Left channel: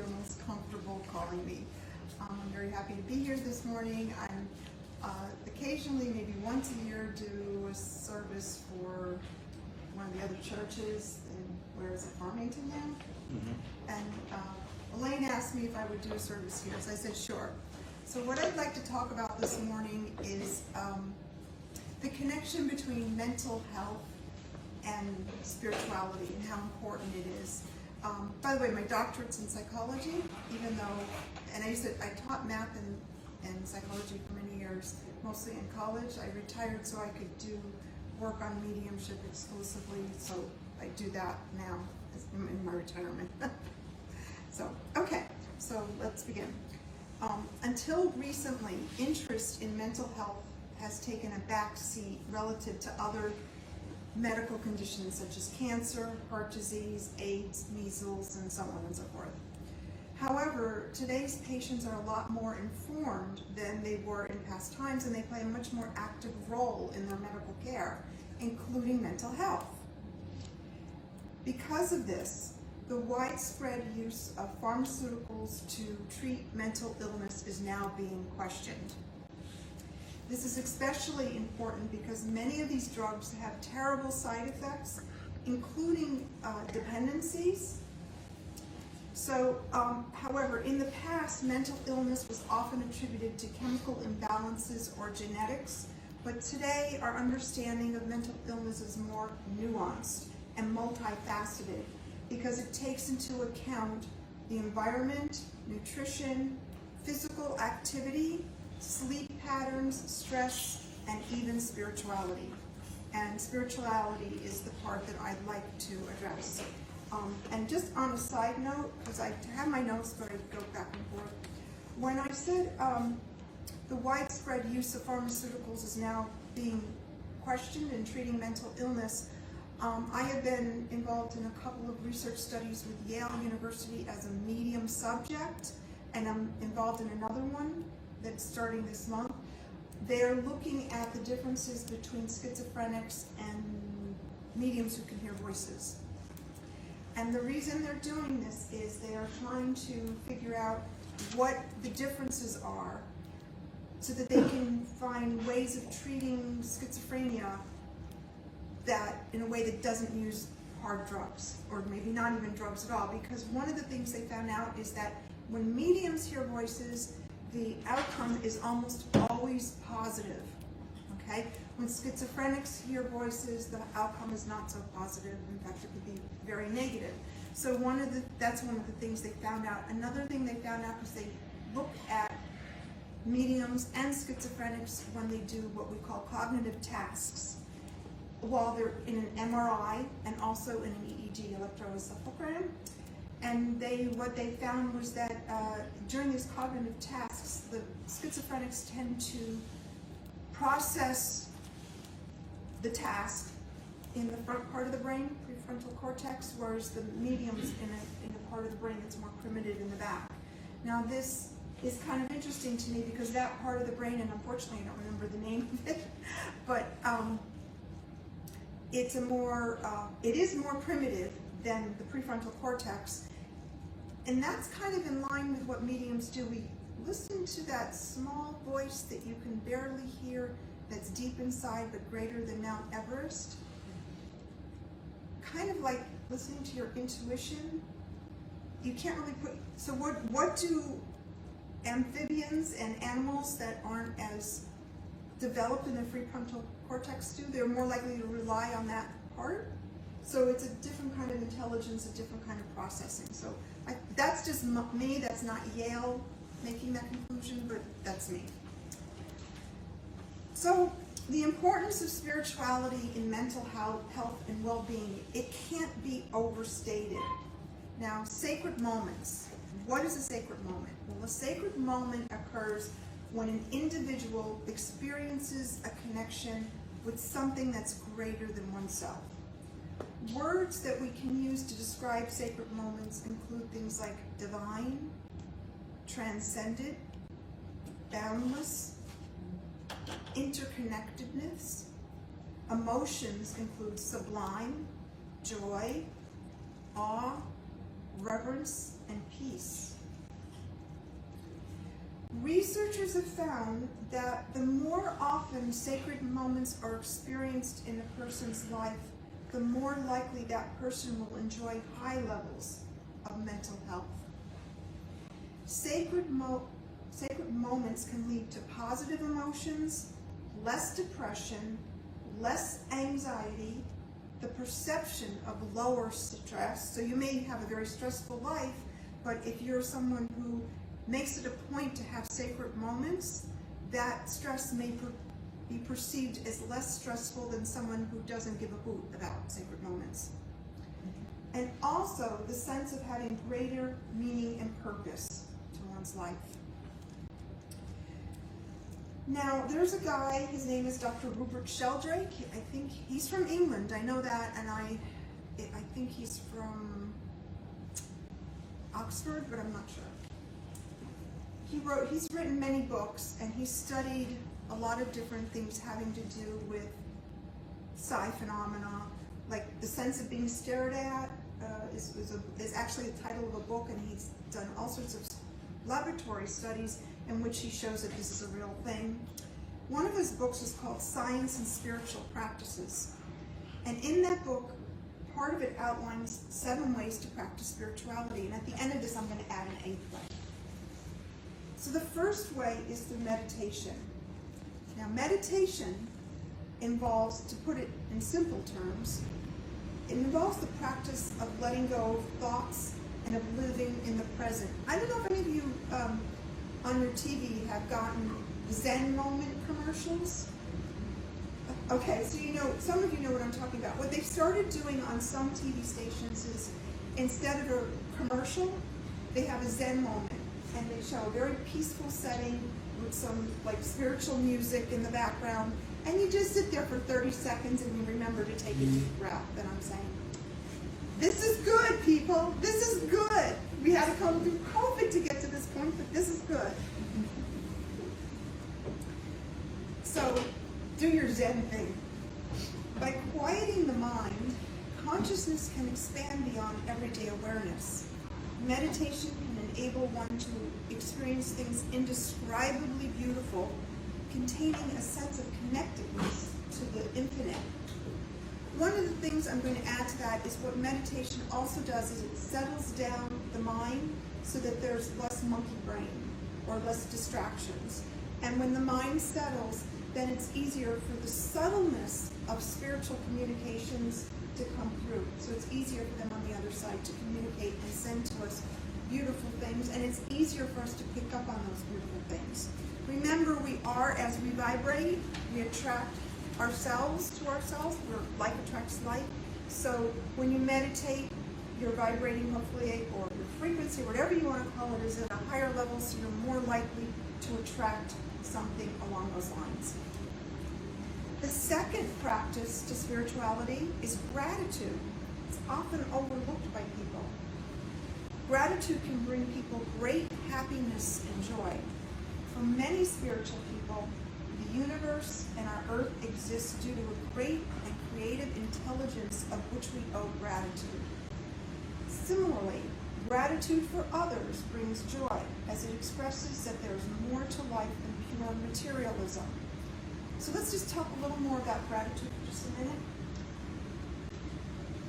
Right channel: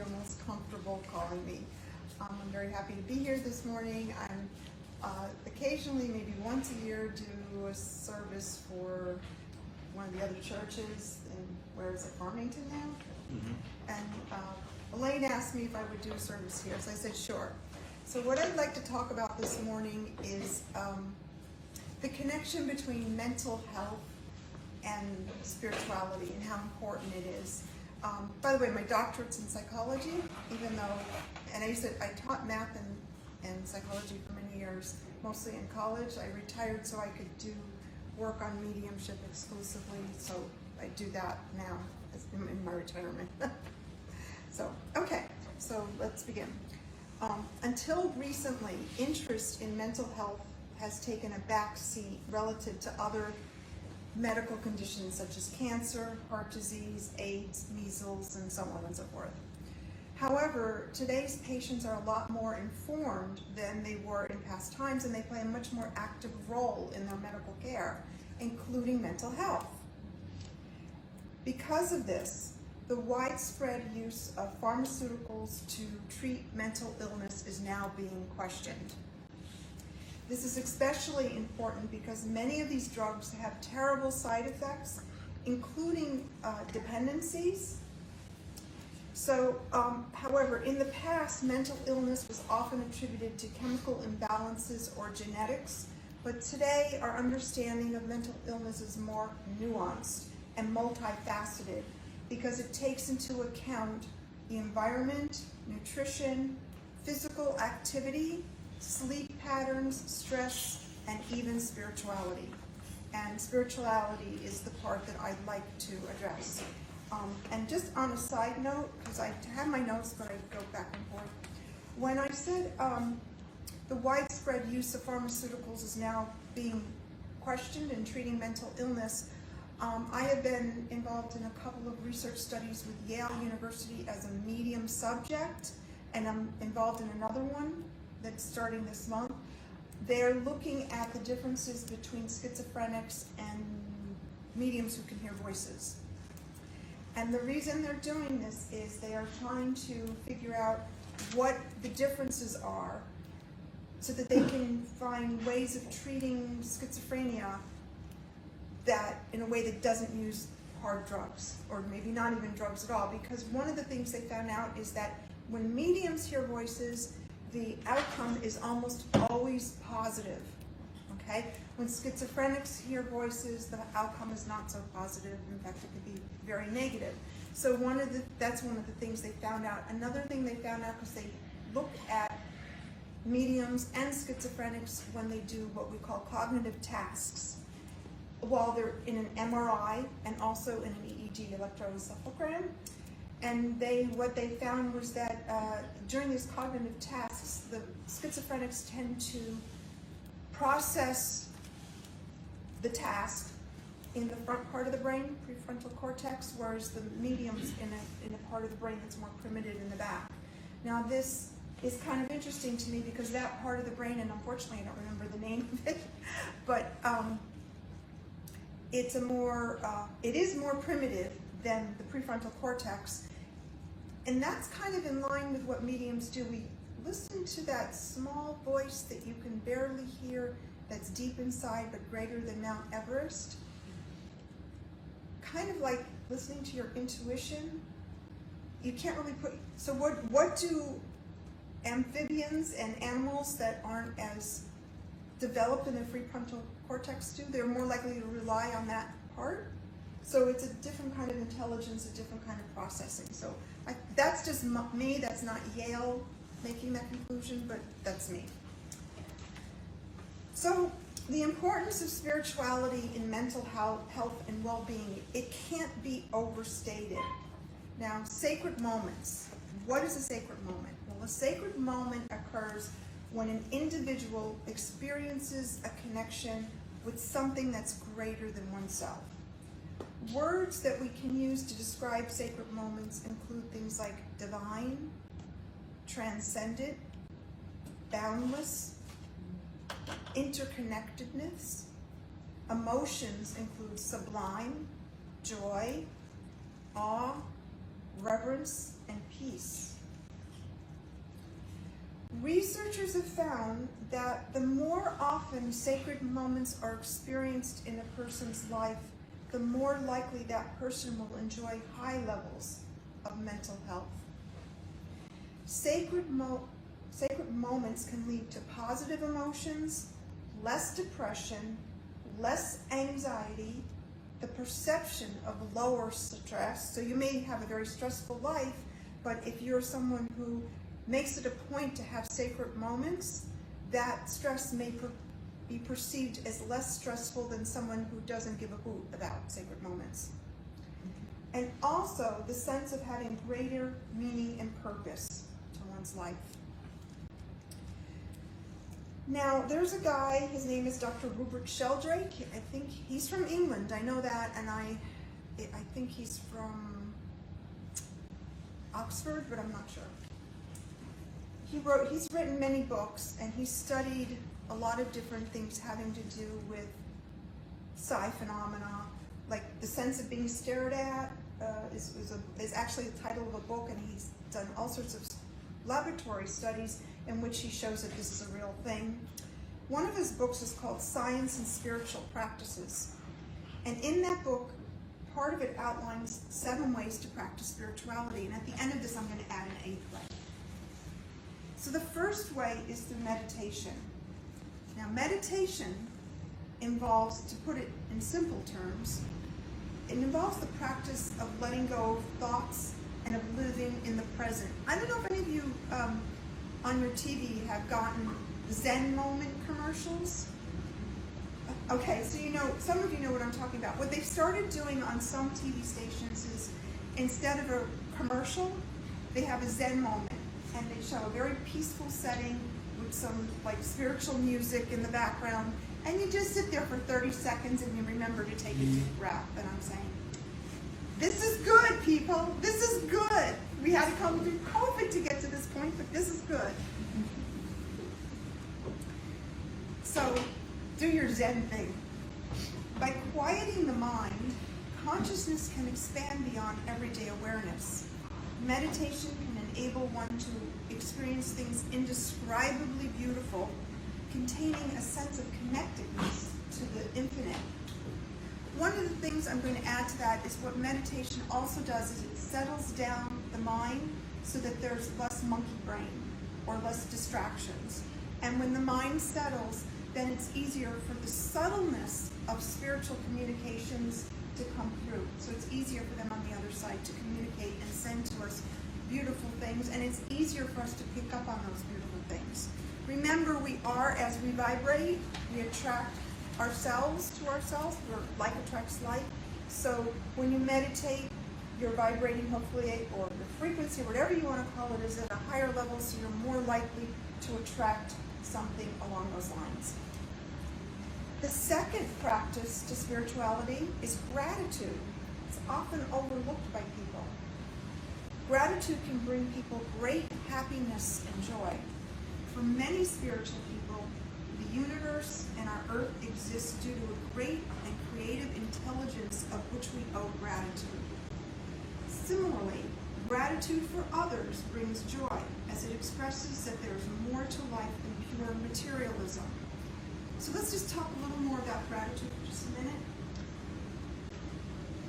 feel most comfortable calling me. I'm very happy to be here this morning. I'm occasionally, maybe once a year, do a service for one of the other churches in, where is it, Farmington now? Mm-hmm. And Elaine asked me if I would do a service here, so I said sure. So what I'd like to talk about this morning is the connection between mental health and spirituality and how important it is. By the way, my doctorate's in psychology, even though, and I taught math and psychology for many years, mostly in college. I retired so I could do work on mediumship exclusively, so I do that now in my retirement. So let's begin. Until recently, interest in mental health has taken a back seat relative to other medical conditions such as cancer, heart disease, AIDS, measles, and so on and so forth. However, today's patients are a lot more informed than they were in past times, and they play a much more active role in their medical care, including mental health. Because of this, the widespread use of pharmaceuticals to treat mental illness is now being questioned. This is especially important because many of these drugs have terrible side effects, including dependencies. So, however, in the past, mental illness was often attributed to chemical imbalances or genetics, but today our understanding of mental illness is more nuanced and multifaceted because it takes into account the environment, nutrition, physical activity, sleep patterns, stress, and even spirituality. And spirituality is the part that I'd like to address. And just on a side note, because I have my notes, but I go back and forth. When I said the widespread use of pharmaceuticals is now being questioned in treating mental illness, I have been involved in a couple of research studies with Yale University as a medium subject, and I'm involved in another one that's starting this month. They're looking at the differences between schizophrenics and mediums who can hear voices. And the reason they're doing this is they are trying to figure out what the differences are so that they can find ways of treating schizophrenia that in a way that doesn't use hard drugs, or maybe not even drugs at all. Because one of the things they found out is that when mediums hear voices, the outcome is almost always positive, okay? When schizophrenics hear voices, the outcome is not so positive. In fact, it could be very negative. So that's one of the things they found out. Another thing they found out is they look at mediums and schizophrenics when they do what we call cognitive tasks, while they're in an MRI and also in an EEG, electroencephalogram. And what they found was that during these cognitive tasks, the schizophrenics tend to process the task in the front part of the brain, prefrontal cortex, whereas the mediums in a part of the brain that's more primitive in the back. Now this is kind of interesting to me because that part of the brain, and unfortunately I don't remember the name of it, but it is more primitive than the prefrontal cortex. And that's kind of in line with what mediums do. We listen to that small voice that you can barely hear, that's deep inside but greater than Mount Everest. Kind of like listening to your intuition. You can't really so what do amphibians and animals that aren't as developed in the prefrontal cortex do? They're more likely to rely on that part. So it's a different kind of intelligence, a different kind of processing. So that's just me, that's not Yale making that conclusion, but that's me. So the importance of spirituality in mental health and well-being, it can't be overstated. Now, sacred moments. What is a sacred moment? Well, a sacred moment occurs when an individual experiences a connection with something that's greater than oneself. Words that we can use to describe sacred moments include things like divine, transcendent, boundless, interconnectedness. Emotions include sublime, joy, awe, reverence, and peace. Researchers have found that the more often sacred moments are experienced in a person's life, the more likely that person will enjoy high levels of mental health. Sacred moments can lead to positive emotions, less depression, less anxiety, the perception of lower stress. So you may have a very stressful life, but if you're someone who makes it a point to have sacred moments, that stress may be perceived as less stressful than someone who doesn't give a hoot about sacred moments. And also the sense of having greater meaning and purpose to one's life. Now, there's a guy, his name is Dr. Rupert Sheldrake. I think he's from England, I know that, and I think he's from Oxford, but I'm not sure. He's written many books, and he's studied a lot of different things having to do with psi phenomena, like the sense of being stared at is actually the title of a book, and he's done all sorts of laboratory studies in which he shows that this is a real thing. One of his books is called Science and Spiritual Practices, and in that book, part of it outlines 7 ways to practice spirituality, and at the end of this I'm going to add an 8th way. So the first way is through meditation. Now, meditation involves, to put it in simple terms, it involves the practice of letting go of thoughts and of living in the present. I don't know if any of you on your TV have gotten Zen moment commercials. Okay, so you know, some of you know what I'm talking about. What they've started doing on some TV stations is, instead of a commercial, they have a Zen moment. And they show a very peaceful setting with some like spiritual music in the background, and you just sit there for 30 seconds and you remember to take a deep breath. And I'm saying, this is good, people. This is good. We had to come through COVID to get to this point, but this is good. So, do your Zen thing. By quieting the mind, consciousness can expand beyond everyday awareness. Meditation can enable one to experience things indescribably beautiful, containing a sense of connectedness to the infinite. One of the things I'm going to add to that is what meditation also does is it settles down the mind so that there's less monkey brain or less distractions. And when the mind settles, then it's easier for the subtleness of spiritual communications to come through. So it's easier for them on the other side to communicate and send to us beautiful things, and it's easier for us to pick up on those beautiful things. Remember, we are, as we vibrate, we attract ourselves to ourselves, or like attracts like. So when you meditate, you're vibrating hopefully, or your frequency, whatever you want to call it, is at a higher level, so you're more likely to attract something along those lines. The second practice to spirituality is gratitude. It's often overlooked by people. Gratitude can bring people great happiness and joy. For many spiritual people, the universe and our earth exist due to the great and creative intelligence of which we owe gratitude. Similarly, gratitude for others brings joy, as it expresses that there is more to life than pure materialism. So let's just talk a little more about gratitude for just a minute.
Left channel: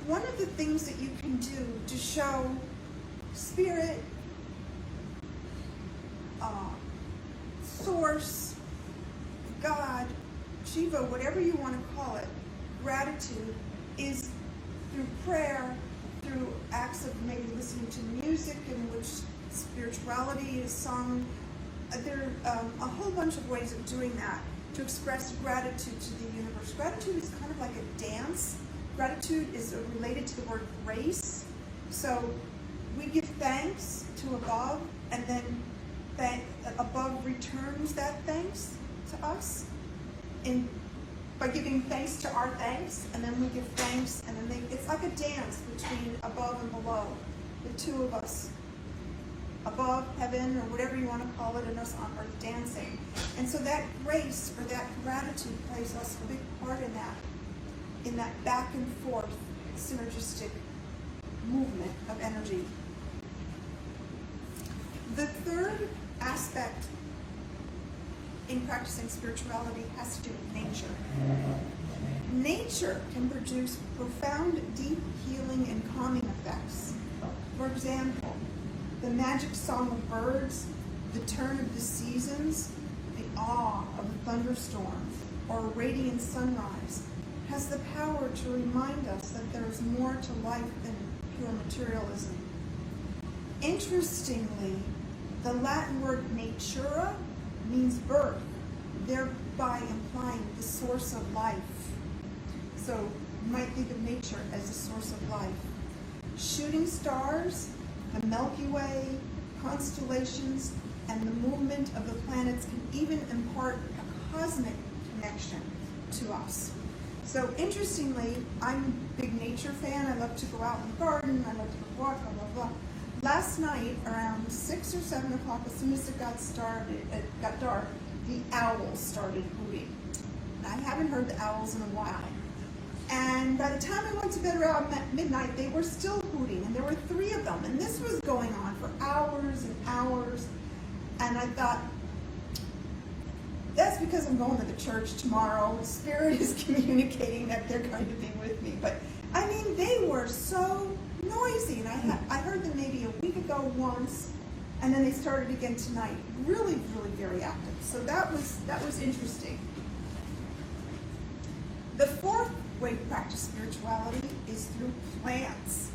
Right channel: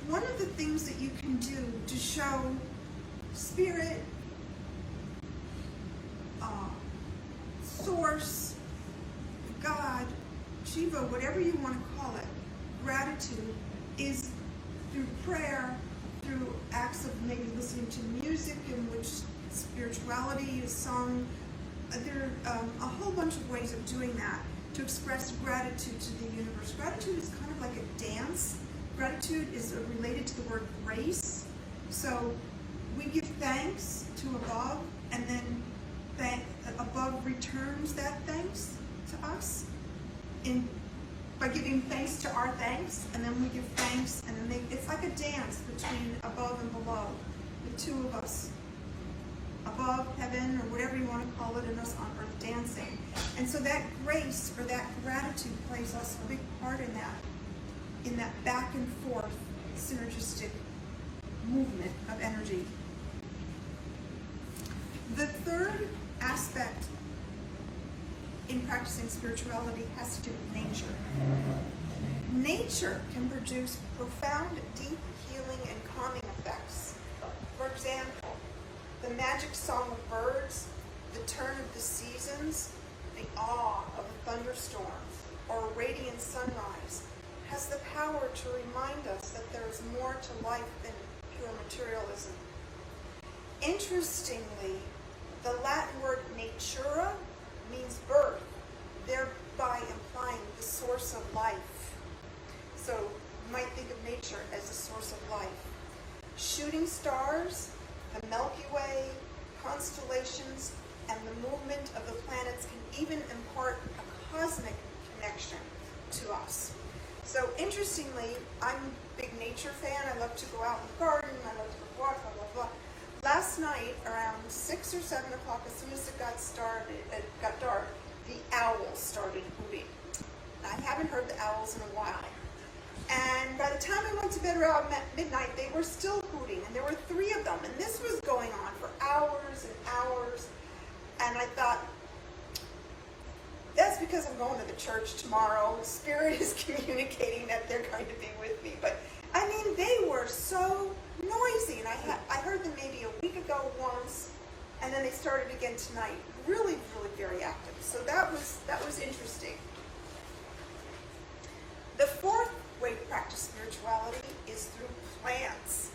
One of the things that you can do to show Spirit, Source, God, Shiva, whatever you want to call it, gratitude is through prayer, through acts of maybe listening to music in which spirituality is sung. There are a whole bunch of ways of doing that to express gratitude to the universe. Gratitude is kind of like a dance. Gratitude is related to the word grace. So we give thanks to above, and then above returns that thanks to us by giving thanks to our thanks, and then we give thanks, and then it's like a dance between above and below, the two of us, above heaven or whatever you want to call it, and us on earth dancing. And so that grace or that gratitude plays us a big part in that back and forth synergistic movement of energy. aspect in practicing spirituality has to do with nature. Nature can produce profound, deep healing and calming effects. For example, the magic song of birds, the turn of the seasons, the awe of a thunderstorm, or a radiant sunrise has the power to remind us that there is more to life than pure materialism. Interestingly, the Latin word natura means birth, thereby implying the source of life. So you might think of nature as a source of life. Shooting stars, the Milky Way, constellations, and the movement of the planets can even impart a cosmic connection to us. So interestingly, I'm a big nature fan. I love to go out in the garden, I love to walk, blah, blah, blah. Last night, around 6 or 7 o'clock, as soon as it got dark, the owls started hooting. I hadn't heard the owls in a while. And by the time I went to bed around midnight, they were still hooting, and there were 3 of them. And this was going on for hours and hours. And I thought, that's because I'm going to the church tomorrow. The Spirit is communicating that they're going to be with me. But, I mean, they were so noisy. And I heard them maybe a week ago once, and then they started again tonight. Really, really very active. So that was interesting. The fourth way to practice spirituality is through plants.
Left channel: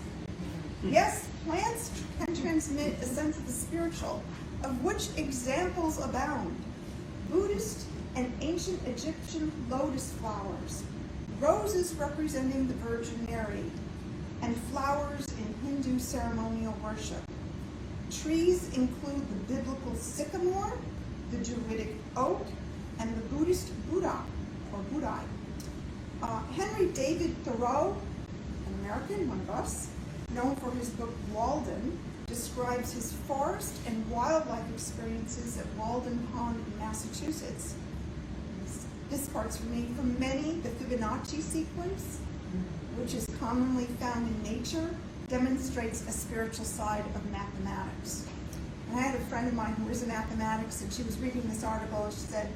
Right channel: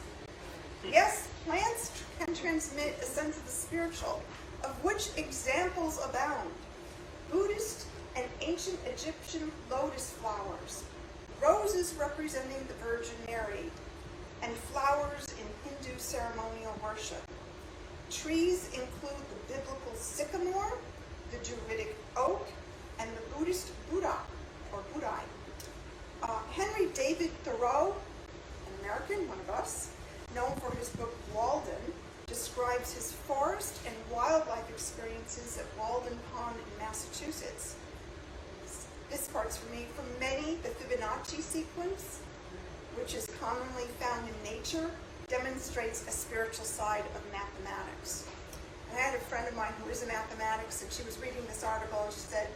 Yes, plants can transmit a sense of the spiritual, of which examples abound. Buddhist and ancient Egyptian lotus flowers, roses representing the Virgin Mary, and flowers in Hindu ceremonial worship. Trees include the biblical sycamore, the Druidic oak, and the Buddhist Buddha, or Buddha. Henry David Thoreau, an American, one of us, known for his book Walden, describes his forest and wildlife experiences at Walden Pond, Massachusetts. This quote's made from many, the Fibonacci sequence, which is commonly found in nature, demonstrates a spiritual side of mathematics. I had a friend of mine who was in mathematics, and she was reading this article, and she said,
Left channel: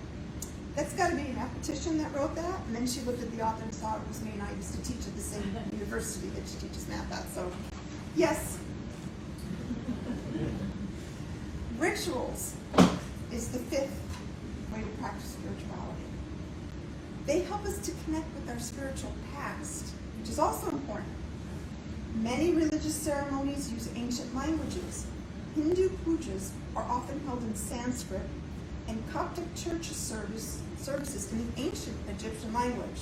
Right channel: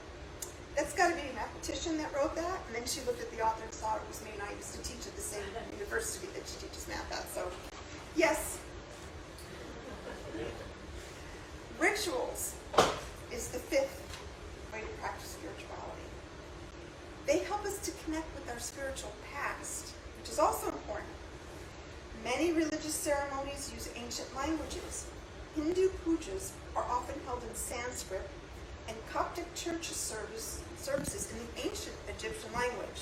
that's got to be a mathematician that wrote that. And then she looked at the author and thought it was me. I used to teach at the same university that she teaches math at. So, yes. Rituals is the fifth way to practice spirituality. They help us to connect with our spiritual past, which is also important. Many religious ceremonies use ancient languages. Hindu pujas are often held in Sanskrit, and Coptic church services in the ancient Egyptian language.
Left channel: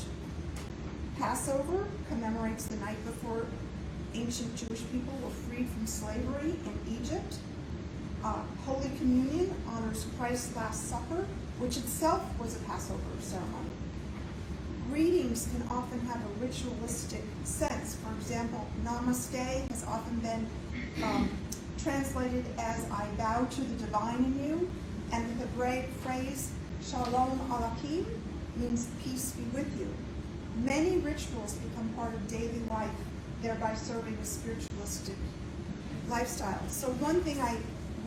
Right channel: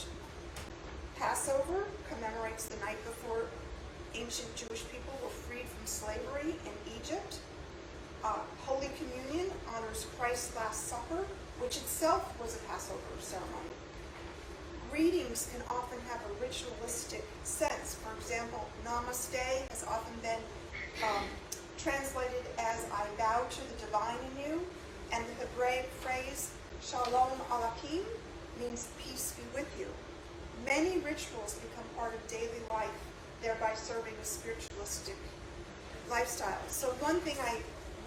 Passover commemorates the night before ancient Jewish people were freed from slavery in Egypt. Holy Communion honors Christ's Last Supper, which itself was a Passover ceremony. Greetings can often have a ritualistic sense. For example, Namaste has often been translated as I bow to the divine in you, and the Hebraic phrase Shalom Aleichem means peace be with you. Many rituals become part of daily life, thereby serving a spiritualistic lifestyle. So one thing I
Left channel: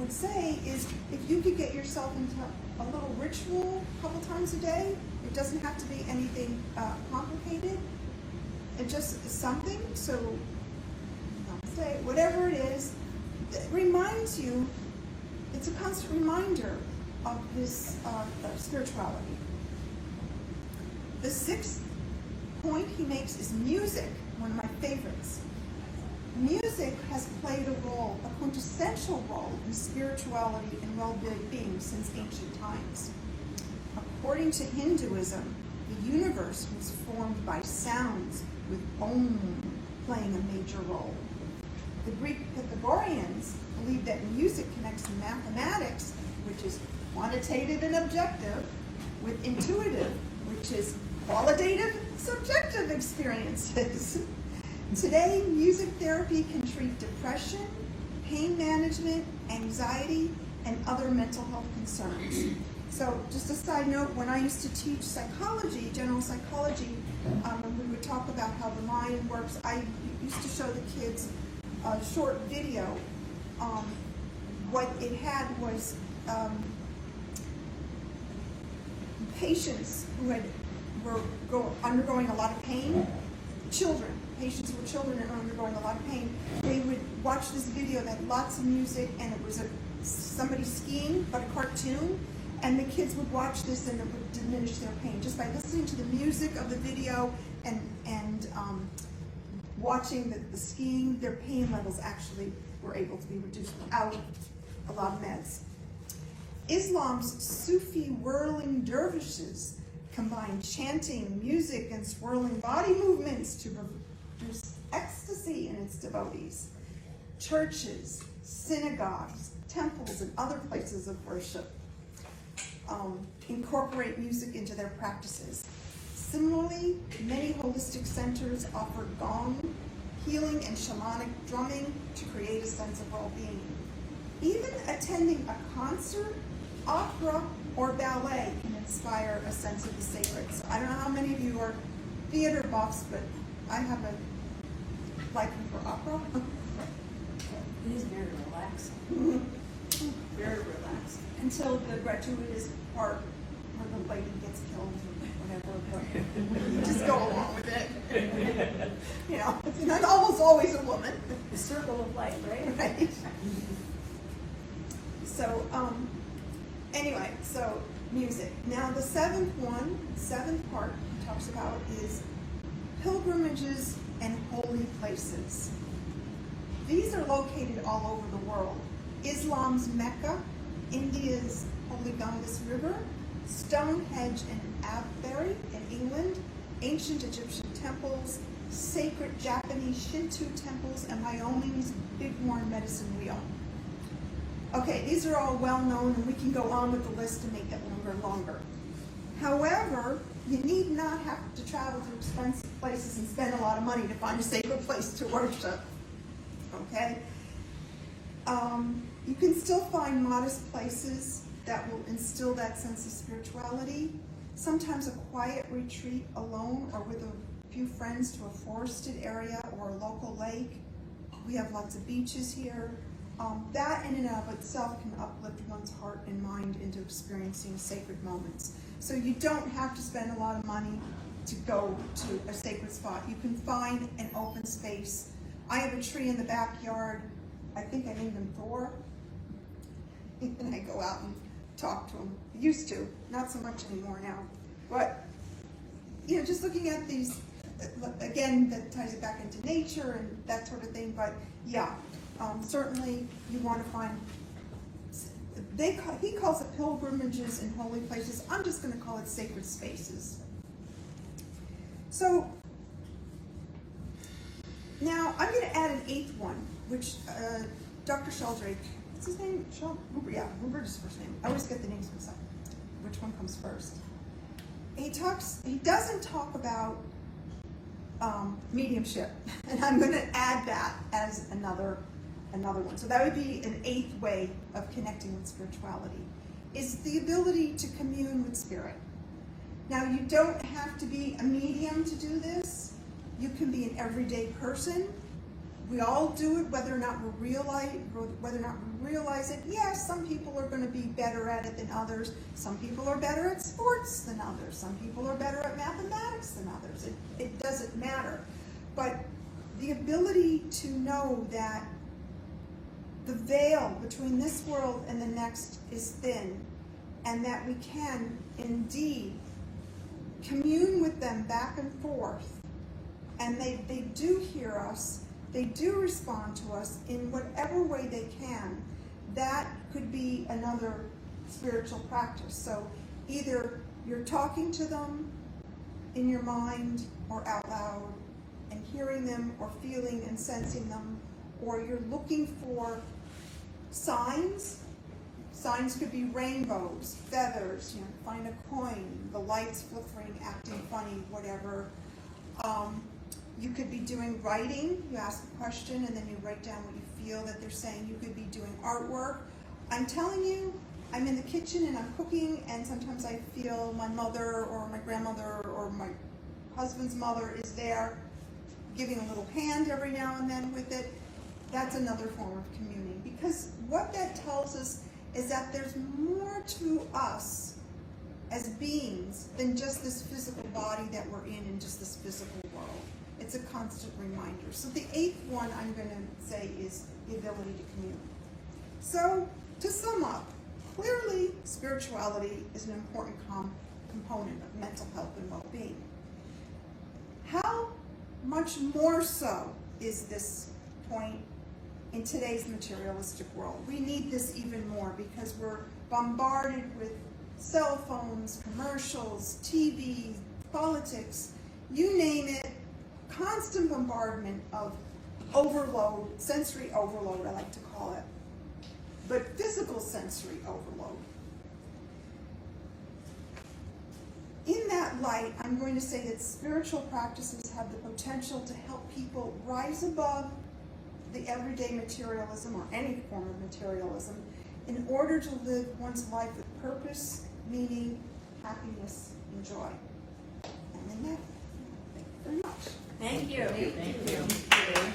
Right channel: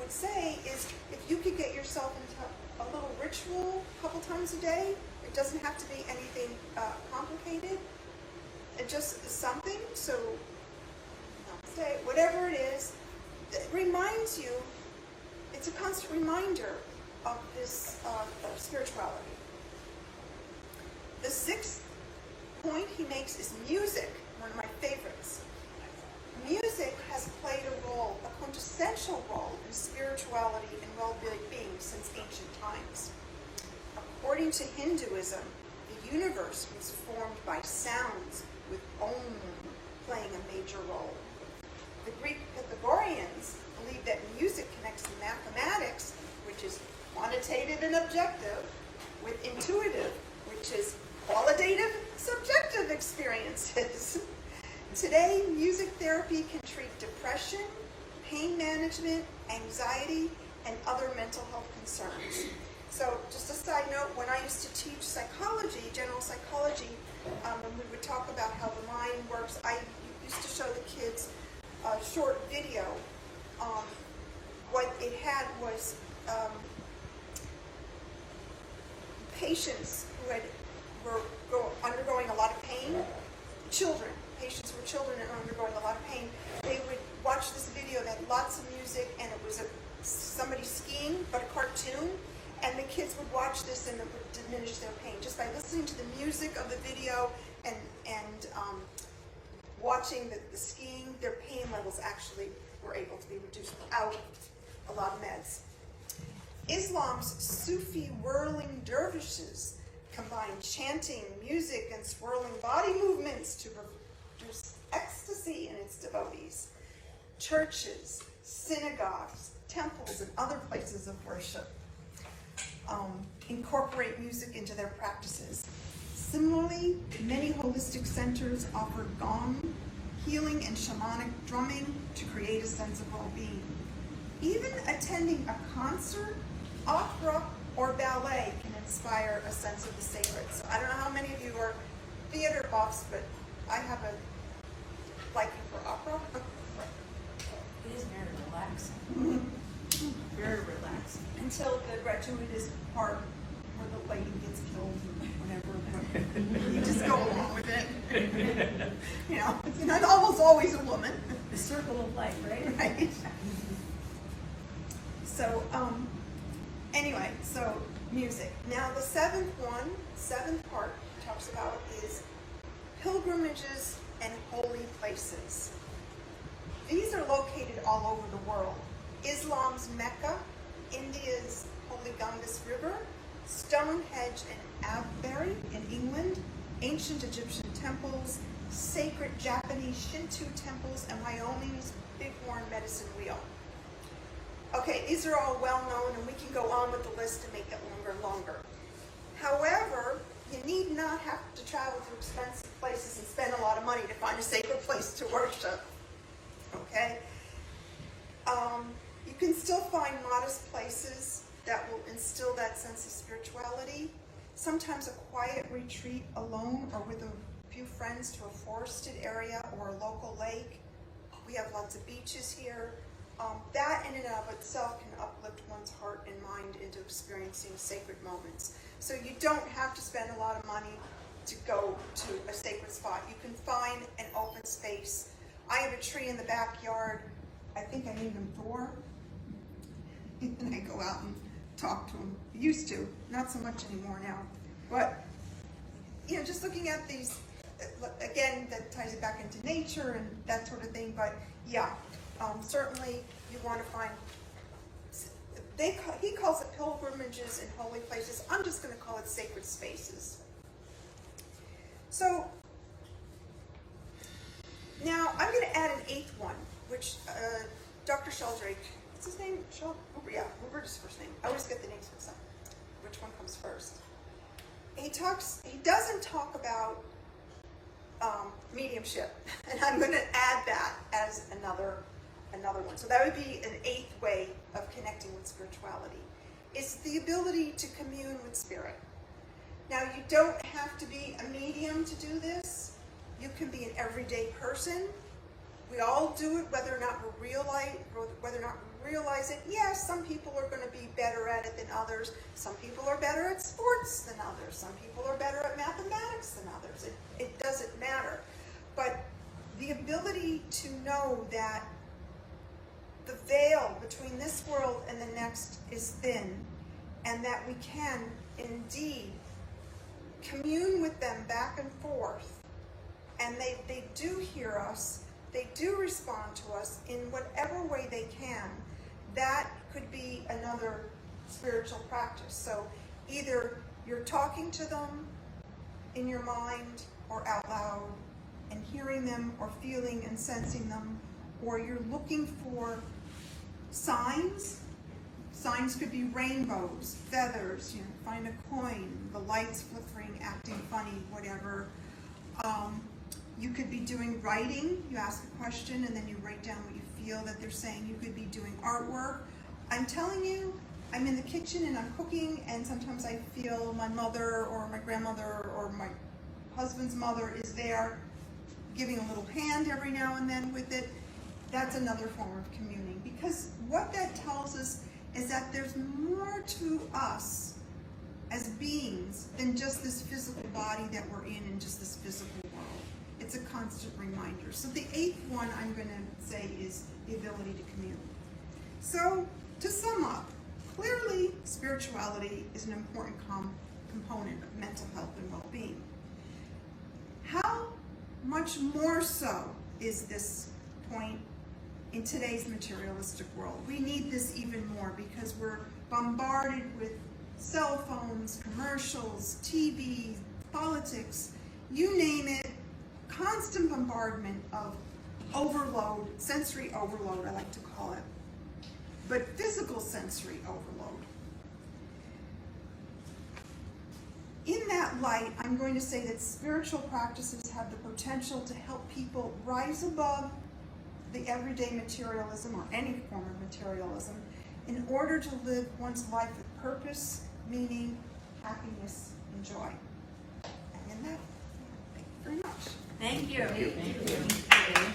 would say is, if you can get yourself into a little ritual a couple times a day, it doesn't have to be anything complicated, it's just something. So I'd say whatever it is that reminds you, it's a constant reminder of this spirituality. The sixth point he makes is music, one of my favorites. Music has played a role, a quintessential role in spirituality and well-being beings since ancient times. According to Hinduism, the universe was formed by sounds, with Om playing a major role. The Greek Pythagoreans believed that music connects mathematics, which is quantitative and objective, with intuitive, which is qualitative, subjective experiences. Today, music therapy can treat depression, pain management, anxiety, and other mental health concerns. So, just a side note, when I used to teach psychology, general psychology, we would talk about how the mind works. I used to show the kids a short video. What they had was patients who were undergoing a lot of pain, patients with children who were undergoing a lot of pain, they would watch this video that had lots of music, and it was somebody skiing, but a cartoon, and the kids would watch this and it would diminish their pain, just by listening to the music of the video and watching the skiing, their pain levels actually were able to be reduced out of a lot of meds. Islam's Sufi whirling dervishes combine chanting, music, and swirling body movements to produce ecstasy in its devotees. Churches, synagogues, temples, and other places of worship incorporate music into their practices. Similarly, many holistic centers offer gong, healing, and shamanic drumming to create a sense of well-being. Even attending a concert, opera, or ballet can inspire a sense of the sacred. I don't know how many of you are theater buffs, but I have a liking for opera. It is very relaxing. Very relaxing. Until the gratuitous part of the lady gets killed or whatever, but you just go along with it. You know, not always a woman. The circle of life, right? Right. So, anyway, so music. Now the seventh part he talks about is pilgrimages and holy places. These are located all over the world. Islam's Mecca, India's Holy Ganges River, Stonehenge in Avebury in England, ancient Egyptian temples, sacred Japanese Shinto temples, and Wyoming's Bighorn Medicine Wheel. Okay, these are all well known, and we can go on with the list to make it longer. However, you need not have to travel to expensive places and spend a lot of money to find a sacred place to worship. Okay? You can still find modest places that will instill that sense of spirituality. Sometimes a quiet retreat alone or with a few friends to a forested area or a local lake. We have lots of beaches here. That in and of itself can uplift one's heart and mind into experiencing sacred moments. So you don't have to spend a lot of money to go to a sacred spot. You can find an open space. I have a tree in the backyard. I think I named him Thor. And I go out and talk to him. Used to, not so much anymore now. But, you know, just looking at these, again, that ties it back into nature and that sort of thing. But, yeah, certainly you want to find, he calls it pilgrimages and holy places. I'm just going to call it sacred spaces. So, now I'm going to add an eighth one, which Dr. Sheldrake, what's his name? Huber's first name. I always get the names mixed up. Which one comes first? He doesn't talk about mediumship, and I'm going to add that as another one. So that would be an eighth way of connecting with spirituality, is the ability to commune with spirit. Now, you don't have to be a medium to do this. You can be an everyday person. We all do it, whether or not we realize it. Yes, some people are going to be better at it than others. Some people are better at sports than others. Some people are better at mathematics than others. It doesn't matter. But the ability to know that the veil between this world and the next is thin, and that we can indeed commune with them back and forth, and they do hear us, they do respond to us in whatever way they can. That could be another spiritual practice. So either you're talking to them in your mind or out loud and hearing them or feeling and sensing them, or you're looking for signs. Signs could be rainbows, feathers, find a coin, the lights flickering, acting funny, whatever. You could be doing writing. You ask the question and then you write down what you feel that they're saying. You could be doing artwork. I'm telling you, I'm in the kitchen and I'm cooking, and sometimes I feel my mother or my grandmother or my husband's mother is there giving a little hand every now and then with it. That's another form of communing, because what that tells us is that there's more to us as beings than just this physical body that we're in and just this physical world. It's a constant reminder. So the 8th one I'm going to say is the ability to commune. So to sum up, clearly spirituality is an important component of mental health and well-being. How much more so is this point in today's materialistic world? We need this even more because we're bombarded with cell phones, commercials, TV, politics, you name it, constant bombardment of overload, sensory overload, I like to call it, but physical sensory overload. In that light, I'm going to say that spiritual practices have the potential to help people rise above the everyday materialism or any form of materialism in order to live one's life with purpose, meaning, happiness, and joy. And in that, thank you very much. Thank you. Thank you.